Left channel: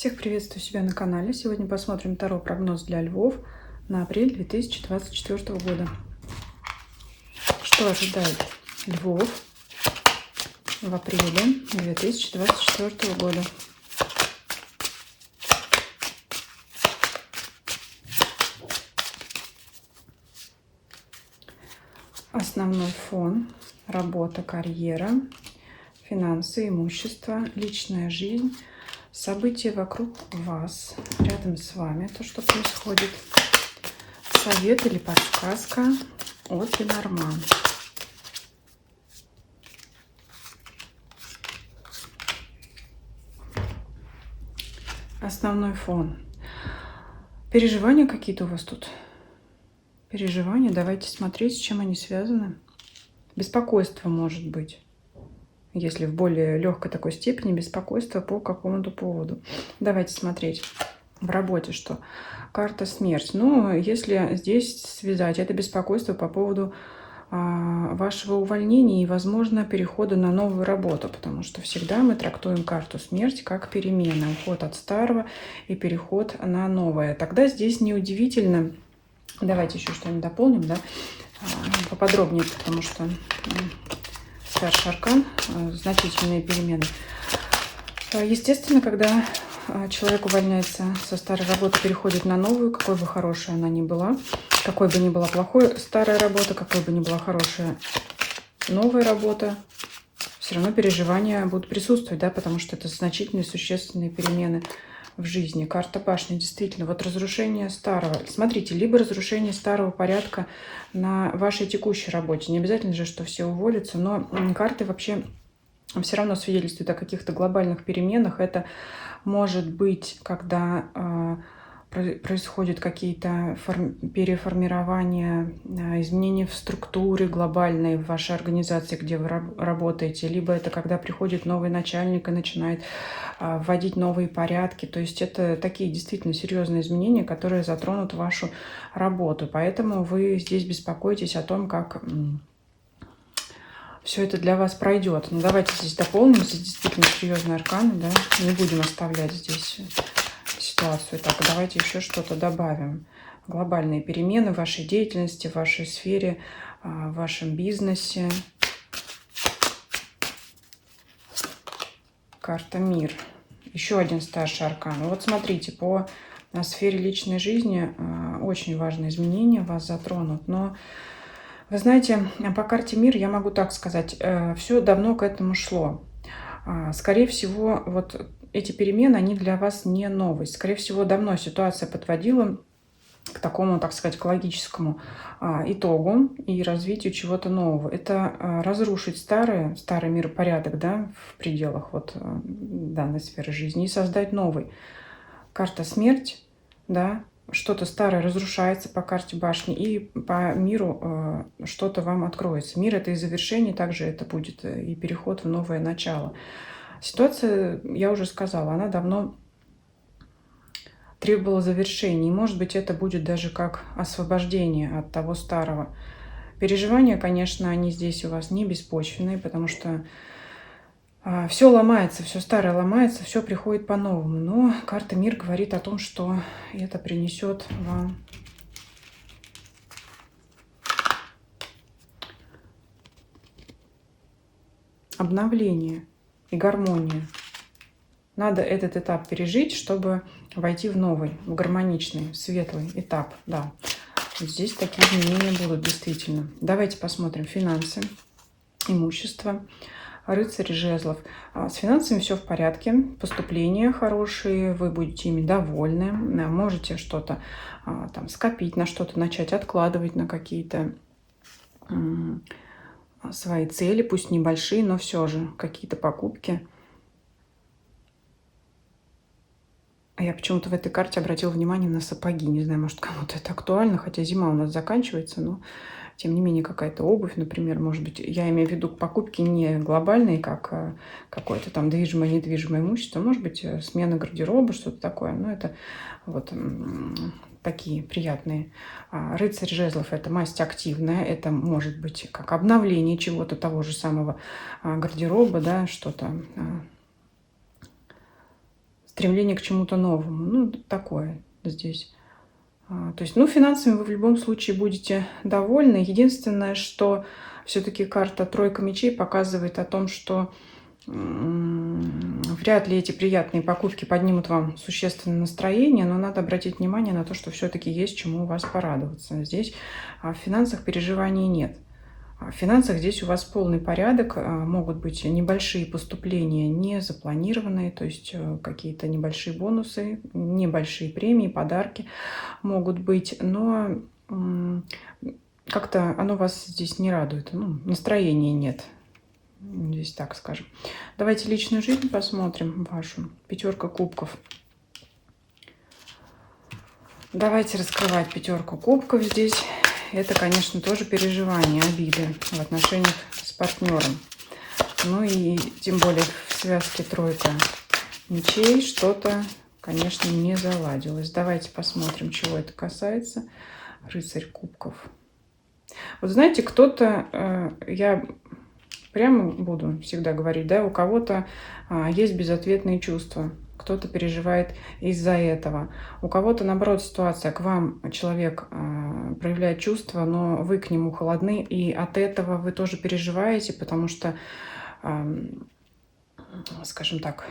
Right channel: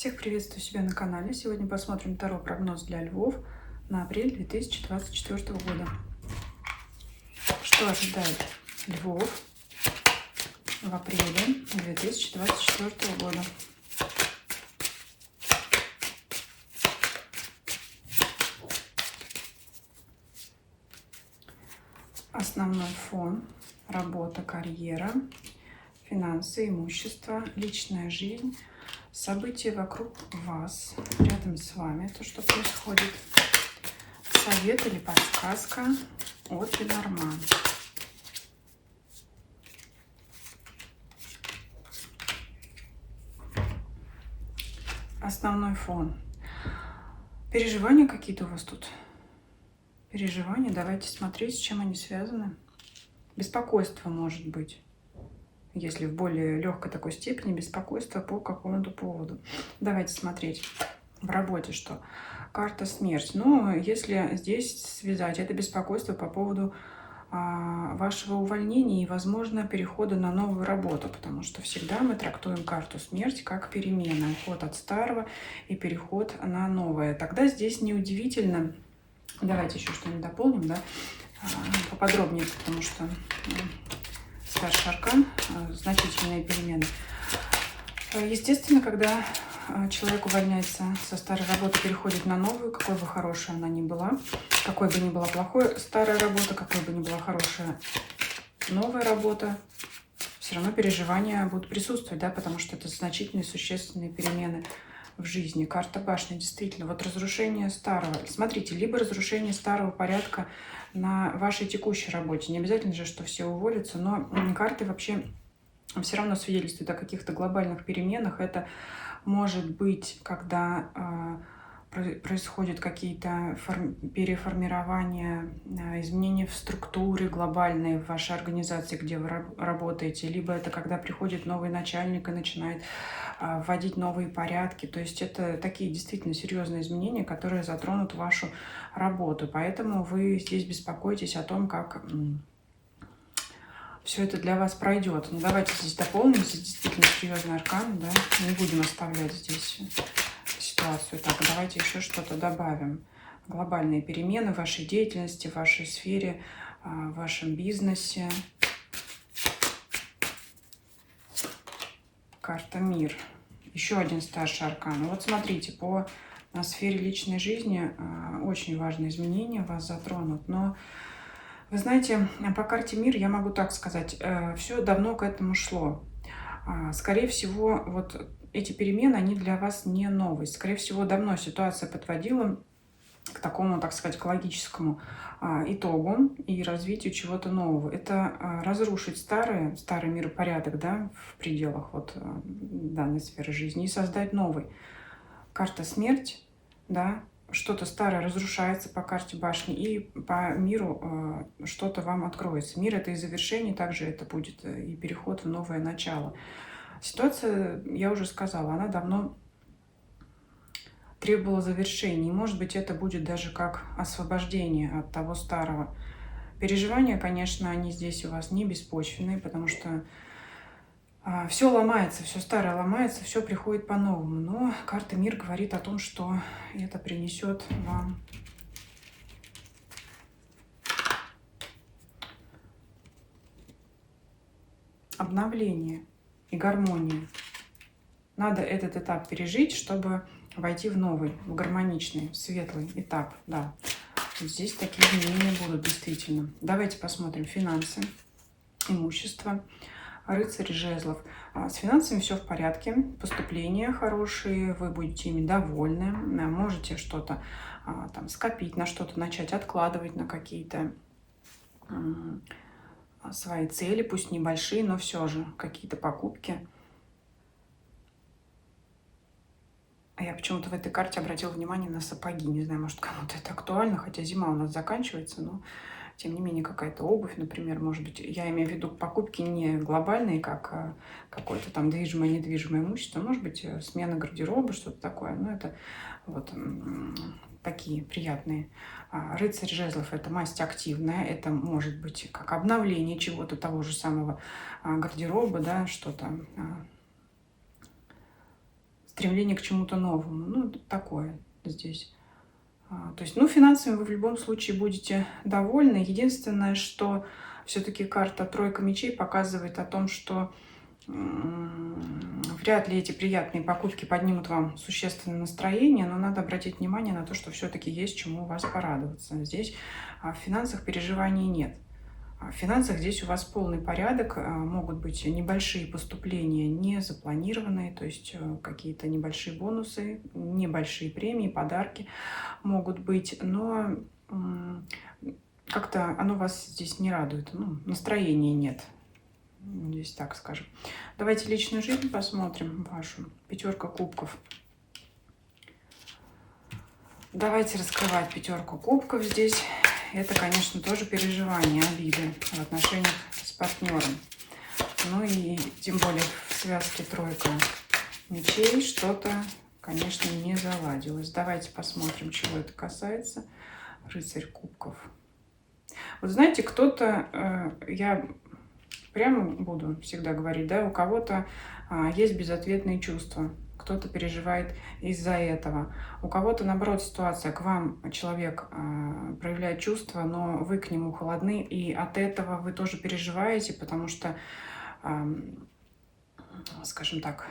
Всех приветствую себя на канале. Сегодня посмотрим Таро прогноз для львов на апрель 2024 года. Что ожидает львов в апреле 2024 года? Основной фон: работа, карьера, финансы, имущество, личная жизнь, события вокруг вас, рядом с вами, то, что происходит. Совет или подсказка от Ленорман. Основной фон. Переживания какие-то у вас тут? Переживания, давайте смотреть, с чем они связаны. Беспокойство может быть. Если в более легкой такой степени, беспокойство по какому-то поводу. Давайте смотреть в работе, что карта смерть. Ну, если здесь связать это беспокойство по поводу вашего увольнения и, возможно, перехода на новую работу, потому что всегда мы трактуем карту смерть как перемена, уход от старого и переход на новое. Тогда здесь неудивительно. Давайте еще что-нибудь дополним, да, поподробнее, потому что старший аркан, значительные перемены. Естественно, когда человек увольняется со старой работы, переходит на новую, какой бы хорошая она ни была, какой бы ни была плохой старая работа, какой бы ни была хорошая новая работа, все равно переживания будут присутствовать, да, потому что это значительные, существенные перемены в жизни. Карта башни, действительно, вот разрушение старого. Смотрите, либо разрушение старого порядка на вашей текущей работе. Не обязательно же, что все уволятся, но карты вообще все равно свидетельствуют о каких-то глобальных переменах. Это может быть, когда происходят какие-то переформирования, изменения в структуре глобальной в вашей организации, где вы работаете, либо это когда приходит новый начальник и начинает вводить новые порядки. То есть это такие действительно серьезные изменения, которые затронут вашу работу. Поэтому вы здесь беспокоитесь о том, как все это для вас пройдет. Ну, давайте здесь дополним. Здесь действительно серьезные арканы, да. Не будем оставлять здесь ситуацию. Так, давайте еще что-то добавим. Глобальные перемены в вашей деятельности, в вашей сфере, в вашем бизнесе. Карта мир. Еще один старший аркан. Вот смотрите, по сфере личной жизни очень важные изменения вас затронут. Но вы знаете, по карте мир я могу так сказать, все давно к этому шло. Скорее всего, вот эти перемены, они для вас не новость. Скорее всего, давно ситуация подводила к такому, так сказать, к логическому итогу и развитию чего-то нового. Это разрушить старый миропорядок, да, в пределах вот данной сферы жизни и создать новый. Карта смерть, да, что-то старое разрушается по карте башни, и по миру что-то вам откроется. Мир — это и завершение, также это будет и переход в новое начало. Ситуация, я уже сказала, она давно требовала завершения. И, может быть, это будет даже как освобождение от того старого. Переживания, конечно, они здесь у вас не беспочвенные, потому что все ломается, все старое ломается, все приходит по-новому. Но карта мир говорит о том, что это принесет вам обновление и гармонию. Надо этот этап пережить, чтобы войти в новый, в гармоничный, светлый этап. Да, здесь такие изменения будут действительно. Давайте посмотрим финансы, имущество. Рыцарь жезлов. С финансами все в порядке, поступления хорошие, вы будете ими довольны, можете что-то там скопить, на что-то начать откладывать, на какие-то свои цели, пусть небольшие, но все же какие-то покупки. Я почему-то в этой карте обратила внимание на сапоги. Не знаю, может, кому-то это актуально, хотя зима у нас заканчивается, но тем не менее какая-то обувь, например, может быть, я имею в виду покупки не глобальные, как какое-то там движимое, недвижимое имущество, может быть, смена гардероба, что-то такое, но это вот такие приятные. Рыцарь жезлов — это масть активная, это может быть как обновление чего-то, того же самого гардероба, да, что-то стремление к чему-то новому. Ну, такое здесь. То есть, ну, финансами вы в любом случае будете довольны. Единственное, что все-таки карта тройка мечей показывает о том, что вряд ли эти приятные покупки поднимут вам существенное настроение, но надо обратить внимание на то, что все-таки есть чему у вас порадоваться. Здесь в финансах переживаний нет. В финансах здесь у вас полный порядок, могут быть небольшие поступления, не запланированные, то есть какие-то небольшие бонусы, небольшие премии, подарки могут быть, но как-то оно вас здесь не радует, ну, настроения нет, здесь так скажем. Давайте личную жизнь посмотрим вашу, 5 кубков. Давайте раскрывать 5 кубков здесь. Это, конечно, тоже переживания, обиды в отношениях с партнером. Ну и тем более в связке тройка мечей что-то, конечно, не заладилось. Давайте посмотрим, чего это касается. Рыцарь кубков. Вот знаете, кто-то, я прямо буду всегда говорить, да, у кого-то есть безответные чувства. Кто-то переживает из-за этого. У кого-то, наоборот, ситуация, к вам человек проявляет чувства, но вы к нему холодны, и от этого вы тоже переживаете, потому что, скажем так,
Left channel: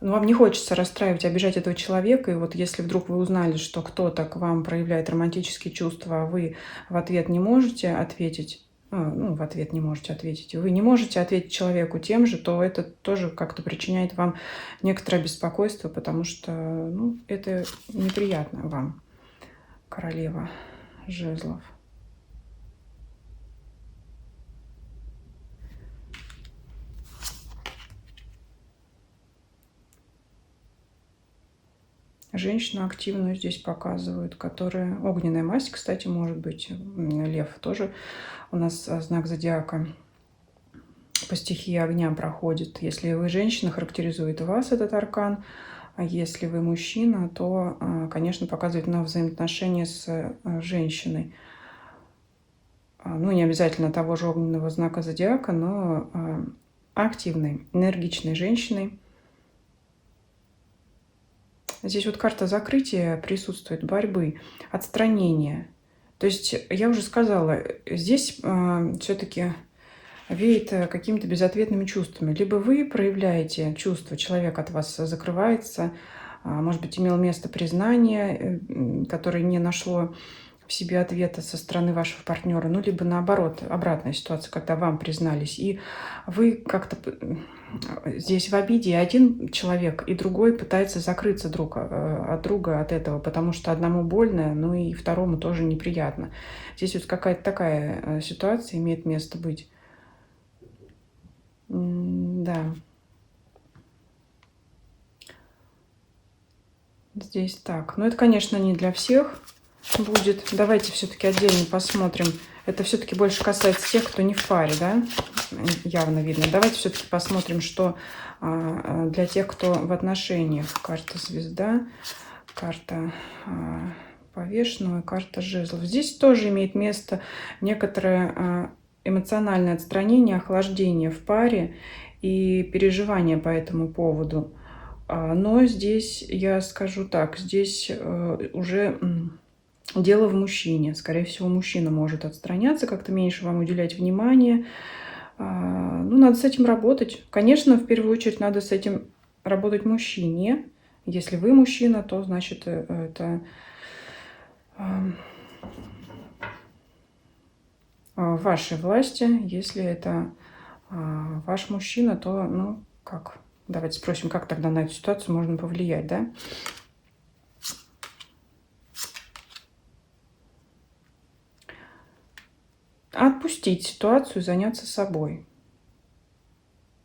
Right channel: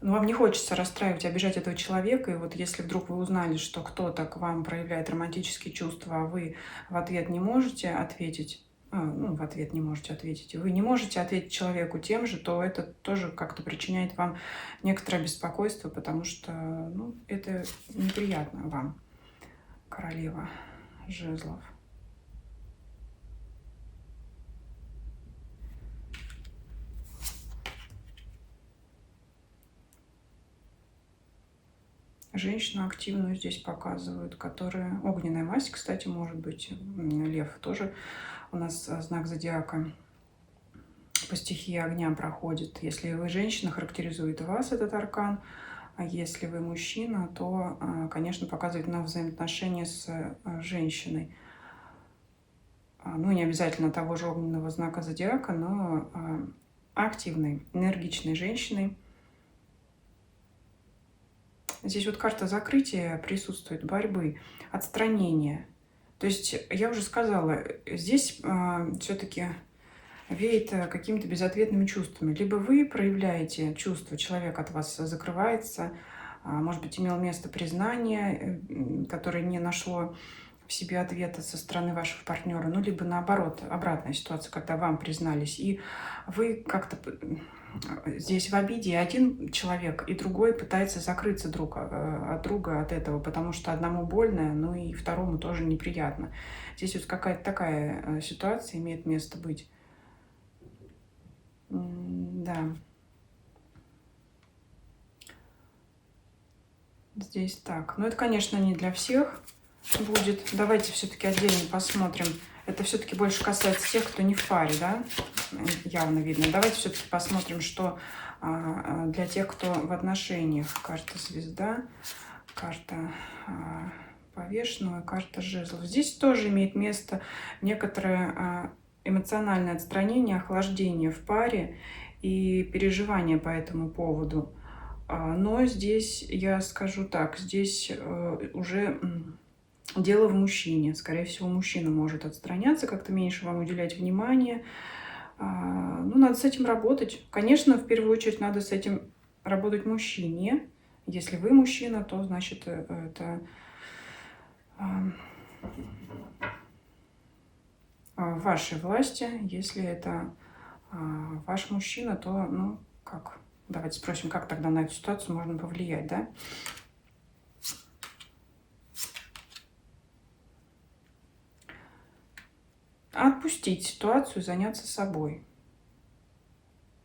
вам не хочется расстраивать, обижать этого человека, и вот если вдруг вы узнали, что кто-то к вам проявляет романтические чувства, а вы в ответ не можете ответить, вы не можете ответить человеку тем же, то это тоже как-то причиняет вам некоторое беспокойство, потому что это неприятно вам, королева жезлов. Женщину активную здесь показывают, которая... Огненная масть, кстати, может быть. Лев тоже у нас знак зодиака по стихии огня проходит. Если вы женщина, характеризует вас этот аркан. А если вы мужчина, то, конечно, показывает на взаимоотношения с женщиной. Ну, не обязательно того же огненного знака зодиака, но активной, энергичной женщиной. Здесь вот карта закрытия присутствует, борьбы, отстранения. То есть, я уже сказала, здесь все-таки веет какими-то безответными чувствами. Либо вы проявляете чувства, человек от вас закрывается, может быть, имело место признание, которое не нашло в себе ответа со стороны вашего партнера, ну, либо наоборот, обратная ситуация, когда вам признались, и вы как-то здесь в обиде, и один человек, и другой пытается закрыться друг от друга от этого, потому что одному больно, ну и второму тоже неприятно. Здесь вот какая-то такая ситуация имеет место быть. Да. Здесь так. Но это, конечно, не для всех будет. Давайте все-таки отдельно посмотрим. Это все-таки больше касается тех, кто не в паре, да? Явно видно. Давайте все-таки посмотрим, что для тех, кто в отношениях. Карта звезда, карта повешенного, карта жезлов. Здесь тоже имеет место некоторое эмоциональное отстранение, охлаждение в паре и переживания по этому поводу. Но здесь, я скажу так, здесь уже дело в мужчине. Скорее всего, мужчина может отстраняться, как-то меньше вам уделять внимание. Ну, надо с этим работать. Конечно, в первую очередь надо с этим работать мужчине. Если вы мужчина, то, значит, это в вашей власти. Если это ваш мужчина, то, ну, как... Давайте спросим, как тогда на эту ситуацию можно повлиять, да? Отпустить ситуацию, заняться собой.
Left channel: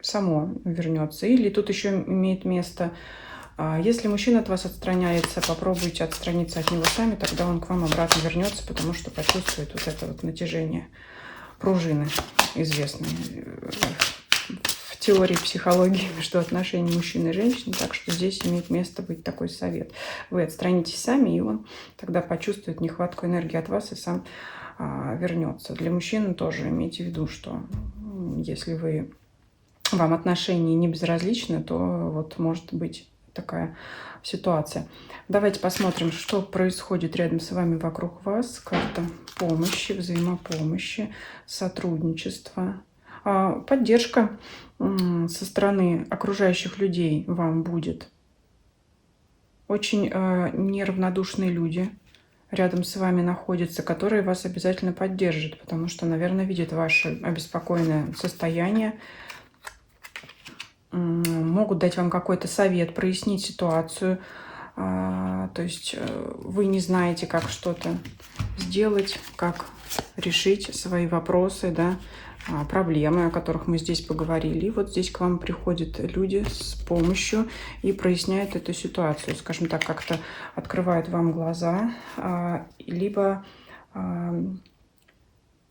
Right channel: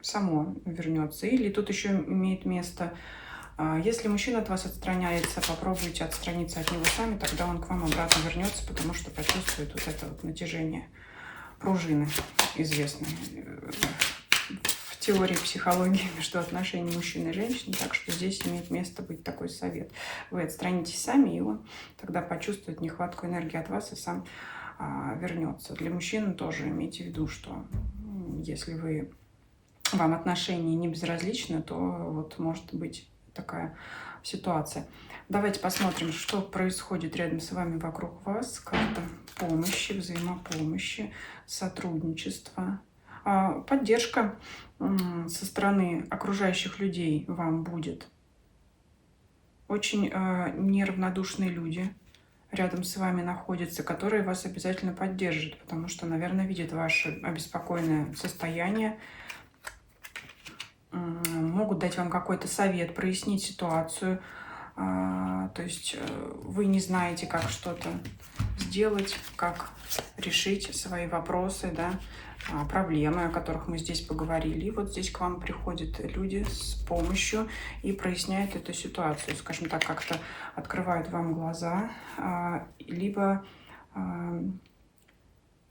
Само вернется. Или тут еще имеет место, если мужчина от вас отстраняется, попробуйте отстраниться от него сами, тогда он к вам обратно вернется, потому что почувствует вот это вот натяжение пружины, известной в теории психологии между отношениями мужчины и женщины. Так что здесь имеет место быть такой совет. Вы отстранитесь сами, и он тогда почувствует нехватку энергии от вас и сам вернется. Для мужчины тоже имейте в виду, что если вы вам отношения не безразличны, то вот может быть такая ситуация. Давайте посмотрим, что происходит рядом с вами, вокруг вас. Карта помощи, взаимопомощи, сотрудничества, поддержка со стороны окружающих людей вам будет. Очень неравнодушные люди рядом с вами находятся, которые вас обязательно поддержат, потому что, наверное, видят ваше обеспокоенное состояние, могут дать вам какой-то совет, прояснить ситуацию. То есть вы не знаете, как что-то сделать, как решить свои вопросы, да, проблемы, о которых мы здесь поговорили. И вот здесь к вам приходят люди с помощью и проясняют эту ситуацию, скажем так, как-то открывают вам глаза, либо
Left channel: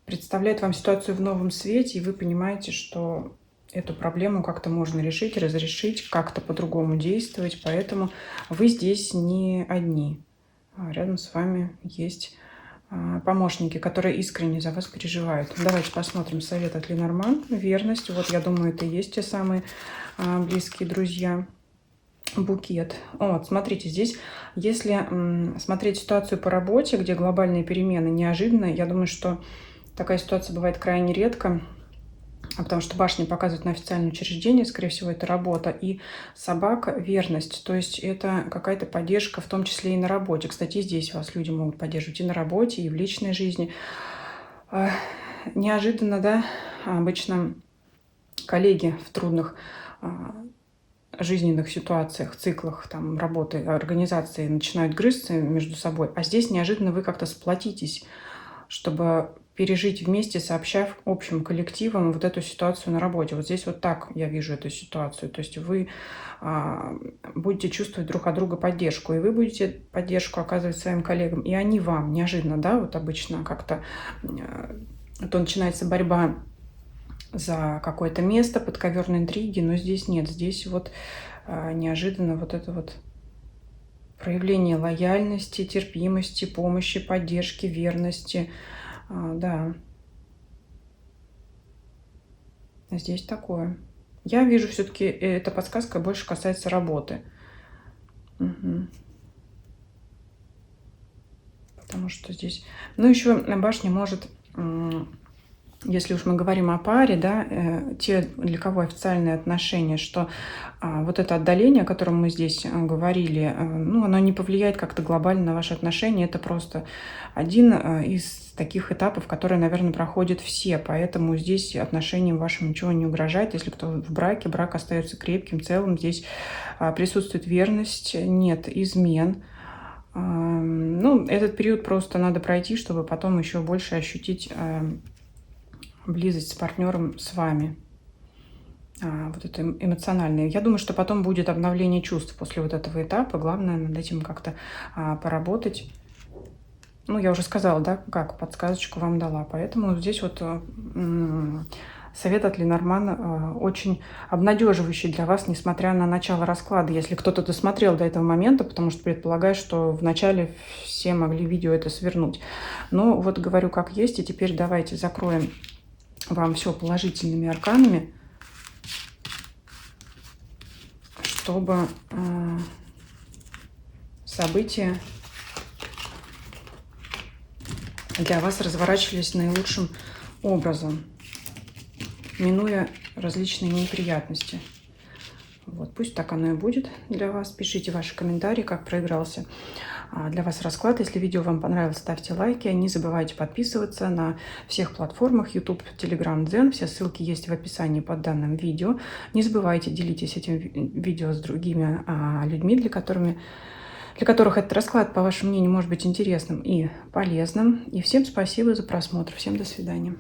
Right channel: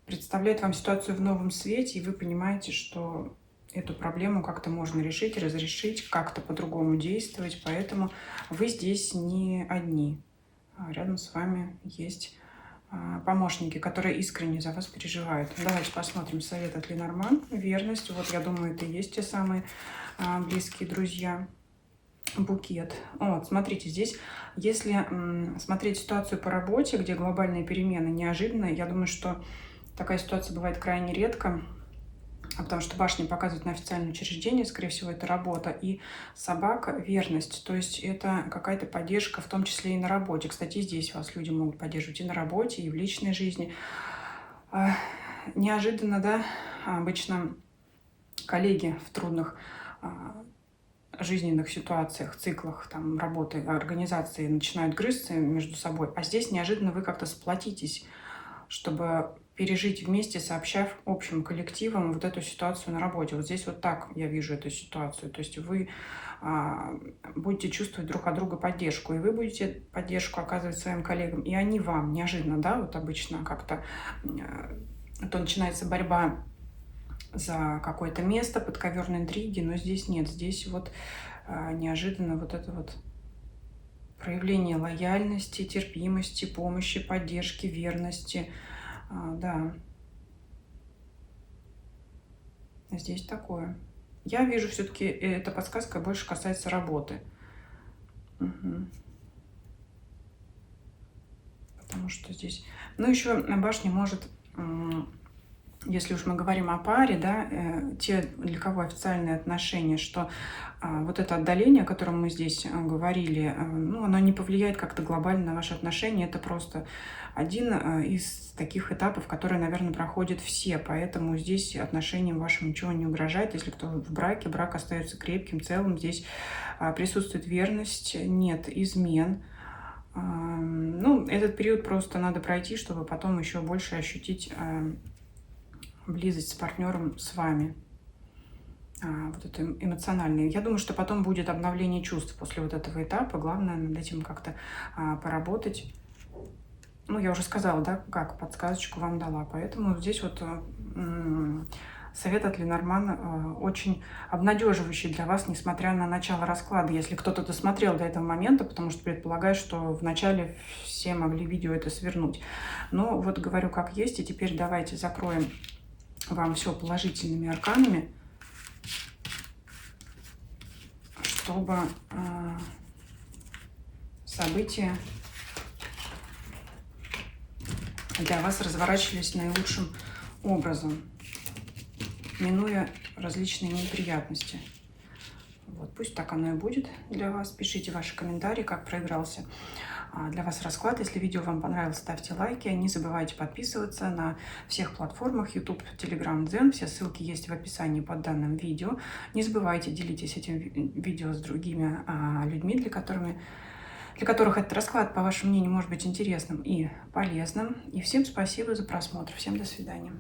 представляют вам ситуацию в новом свете, и вы понимаете, что эту проблему как-то можно решить, разрешить, как-то по-другому действовать. Поэтому вы здесь не одни. Рядом с вами есть помощники, которые искренне за вас переживают. Давайте посмотрим совет от Ленорман. Верность. Вот, я думаю, это и есть те самые близкие друзья. Букет. Вот, смотрите, здесь, если смотреть ситуацию по работе, где глобальные перемены неожиданно, я думаю, что такая ситуация бывает крайне редко, потому что башня показывает на официальное учреждение, скорее всего, это работа, и собака — верность, то есть это какая-то поддержка, в том числе и на работе. Кстати, здесь вас люди могут поддерживать и на работе, и в личной жизни. Неожиданно, да, обычно коллеги в трудных жизненных ситуациях, циклах там, работы, организации начинают грызться между собой, а здесь неожиданно вы как-то сплотитесь, чтобы пережить вместе, сообщав общим коллективам вот эту ситуацию на работе. Вот здесь вот так я вижу эту ситуацию. То есть вы будете чувствовать друг от друга поддержку, и вы будете поддержку оказывать своим коллегам, и они вам неожиданно, да, вот обычно как-то то начинается борьба за какое-то место, подковерные интриги, но здесь нет, здесь вот неожиданно вот это вот проявление лояльности, терпимости, помощи, поддержки, верности. Да, здесь такое. Я вижу, все-таки эта подсказка больше касается работы. Угу. Потому что здесь... Ну, еще башня может... Если уж мы говорим о паре, да, те, для кого официальные отношения, что вот это отдаление, о котором мы здесь говорили, ну, оно не повлияет как-то глобально на ваши отношения. Это просто один из таких этапов, которые, наверное, проходят все. Поэтому здесь отношениям вашим ничего не угрожает. Если кто в браке, брак остается крепким, целым. Здесь присутствует верность, нет измен. Ну, этот период просто надо пройти, чтобы потом еще больше ощутить близость с партнером, с вами, вот это эмоциональное. Я думаю, что потом будет обновление чувств после вот этого этапа. Главное над этим как-то поработать. Ну, я уже сказала, да, как подсказочку вам дала. Поэтому здесь вот совет от Ленорман очень обнадеживающий для вас, несмотря на начало расклада. Если кто-то досмотрел до этого момента, потому что предполагаю, что в начале все могли видео это свернуть. Но вот говорю как есть, и теперь давайте закроем вам все положительными арканами, чтобы события для вас разворачивались наилучшим образом, минуя различные неприятности. Вот, пусть так оно и будет для вас. Пишите ваши комментарии, как проигрался для вас расклад. Если видео вам понравилось, ставьте лайки. Не забывайте подписываться на всех платформах YouTube, Telegram, Дзен. Все ссылки есть в описании под данным видео. Не забывайте, делитесь этим видео с другими людьми, для которых этот расклад, по вашему мнению, может быть интересным и полезным. И всем спасибо за просмотр. Всем до свидания.